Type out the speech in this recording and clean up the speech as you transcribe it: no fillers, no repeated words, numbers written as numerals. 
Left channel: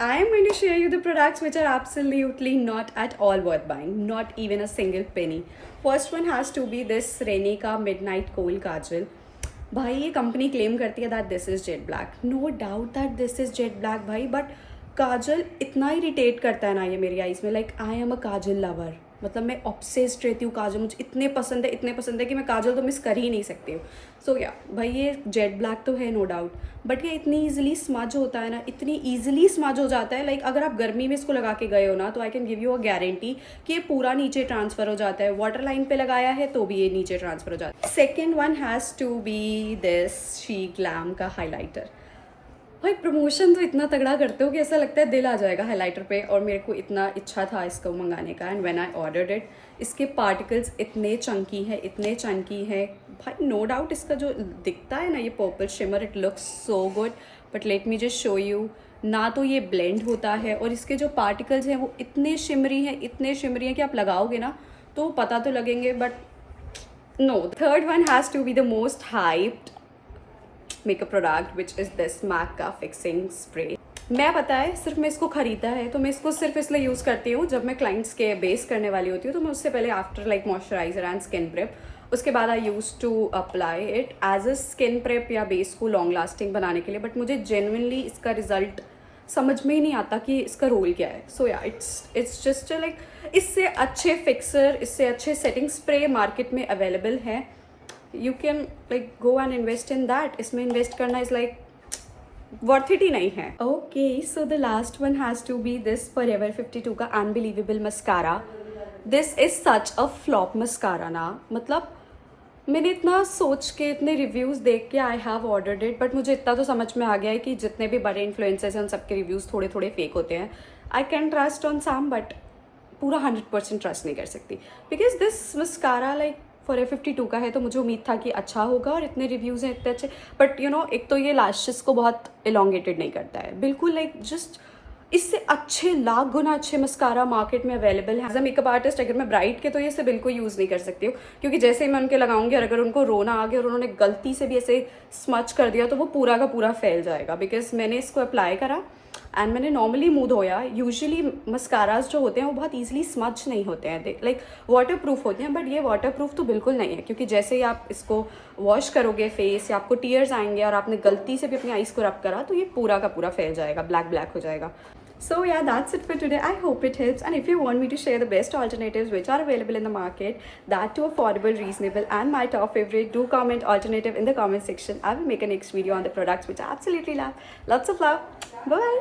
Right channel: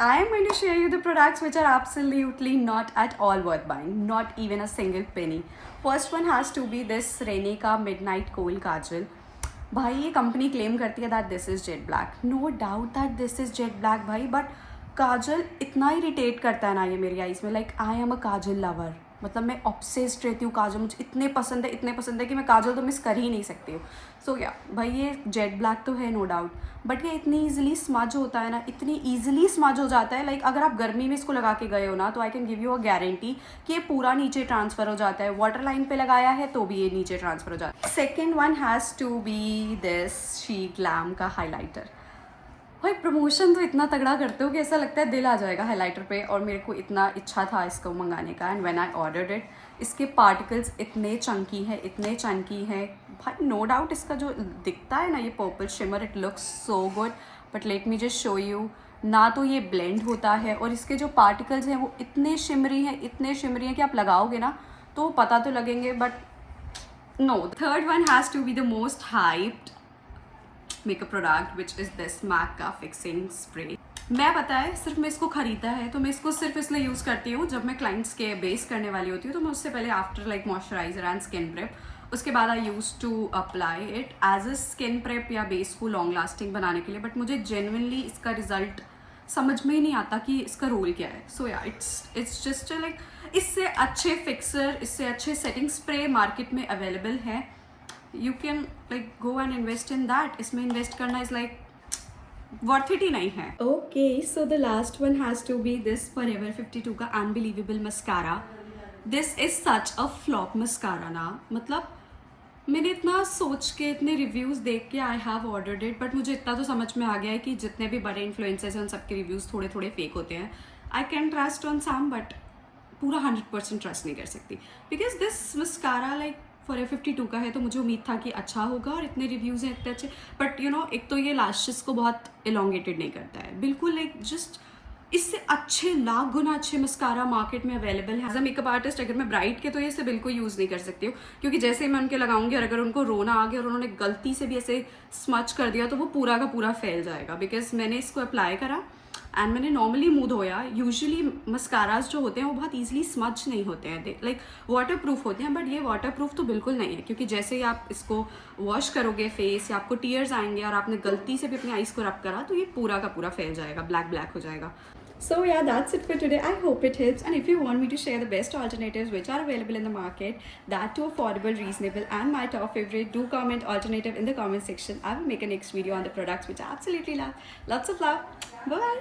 I am going to share you the products which are absolutely not at all worth buying, not even a single penny. First one has to be this Rene का Midnight Kohl Kajal. भाई ये company claim करती है that this is jet black, no doubt that this is jet black भाई, but kajal इतना irritate करता है ना ये मेरी आईज़ में, like I am a kajal lover. मतलब मैं ऑब्सेस्ड रहती हूँ काजल, मुझे इतने पसंद है कि मैं काजल तो मिस कर ही नहीं सकती हूँ. सो या भाई ये जेट ब्लैक तो है नो डाउट, बट ये इतनी ईजिली स्मज होता है ना, इतनी ईजिली स्मज हो जाता है. लाइक अगर आप गर्मी में इसको लगा के गए हो ना तो I can give you a guarantee कि ये पूरा नीचे ट्रांसफ़र हो जाता है. वाटर लाइन पे लगाया है तो भी ये नीचे ट्रांसफ़र हो जाता है. Second one has to be this she glam का हाईलाइटर. भाई प्रमोशन तो इतना तगड़ा करते हो कि ऐसा लगता है दिल आ जाएगा हाइलाइटर पे, और मेरे को इतना इच्छा था इसको मंगाने का. And when I ordered it, इसके पार्टिकल्स इतने चंकी हैं भाई. नो डाउट इसका जो दिखता है ना ये purple shimmer, it looks so good, but let me just show you. ना तो ये ब्लेंड होता है, और इसके जो पार्टिकल्स हैं वो इतने शिमरी हैं कि आप लगाओगे ना तो पता तो लगेंगे, but no. Third one has to be the most hyped makeup product which is this MAC का फिक्सिंग स्प्रे. मैं पता है सिर्फ मैं इसको ख़रीदा है तो मैं इसको सिर्फ इसलिए यूज़ करती हूँ जब मैं क्लाइंट्स के बेस करने वाली होती हूँ, तो मैं उससे पहले after like moisturiser and skin prep, उसके बाद I use to apply it as a skin prep या बेस को लॉन्ग लास्टिंग बनाने के लिए. बट मुझे जेन्युइनली इसका रिजल्ट समझ में ही नहीं आता कि इसका रोल क्या है. सो या इट्स जस्ट लाइक इससे अच्छे फिक्सर, इससे अच्छे सेटिंग स्प्रे मार्केट में अवेलेबल हैं. You can like go and invest in that. इसमें इन्वेस्ट करना इज लाइक वर्थ इट ही नहीं है. Okay, so the last one has to be this Forever 52 का unbelievable mascara. This is such a flop mascara ना. मतलब मैंने इतना सोच के, इतने रिव्यूज़ देख के I have ordered it, but मुझे इतना तो समझ में आ गया है कि जितने भी बड़े इन्फ्लुएंसर्स हैं उन सबके रिव्यूज़ थोड़े थोड़े फेक होते हैं. I can trust on some, but पूरा 100% ट्रस्ट नहीं कर सकती, because this mascara like Forever 52 का है तो मुझे उम्मीद था कि अच्छा होगा, और इतने रिव्यूज़ हैं इतने अच्छे. बट यू नो, एक तो ये लैशेस को बहुत एलोंगेटेड नहीं करता है बिल्कुल, लाइक जस्ट इससे अच्छे लाख गुना अच्छे मस्कारा मार्केट में अवेलेबल है. एज अ मेकअप आर्टिस्ट अगर मैं ब्राइट के तो ये इसे बिल्कुल यूज़ नहीं कर सकती हूँ, क्योंकि जैसे ही मैं उनके लगाऊंगी और अगर उनको रोना आ गया और उन्होंने गलती से भी ऐसे स्मच कर दिया तो वो पूरा का पूरा फैल जाएगा. बिकॉज मैंने इसको अप्लाई करा एंड मैंने नॉर्मली मुंह धोया. यूजुअली मस्काराज जो होते हैं वो बहुत ईजिली स्मच नहीं होते हैं, लाइक वाटर प्रूफ होते हैं, बट ये वाटर प्रूफ तो बिल्कुल नहीं है, क्योंकि जैसे ही आप इसको वॉश करोगे फेस, या आपको टीयर्स आएंगे और आपने गलती से भी अपनी आईज को रब करा तो ये पूरा का पूरा फैल जाएगा, ब्लैक हो जाएगा. So yeah, that's it for today. I hope it helps, and if you want me to share the best alternatives which are available in the market, that too affordable, reasonable, and my top favorite, do comment alternative in the comment section. I will make a next video on the products which I absolutely love. Lots of love. Bye.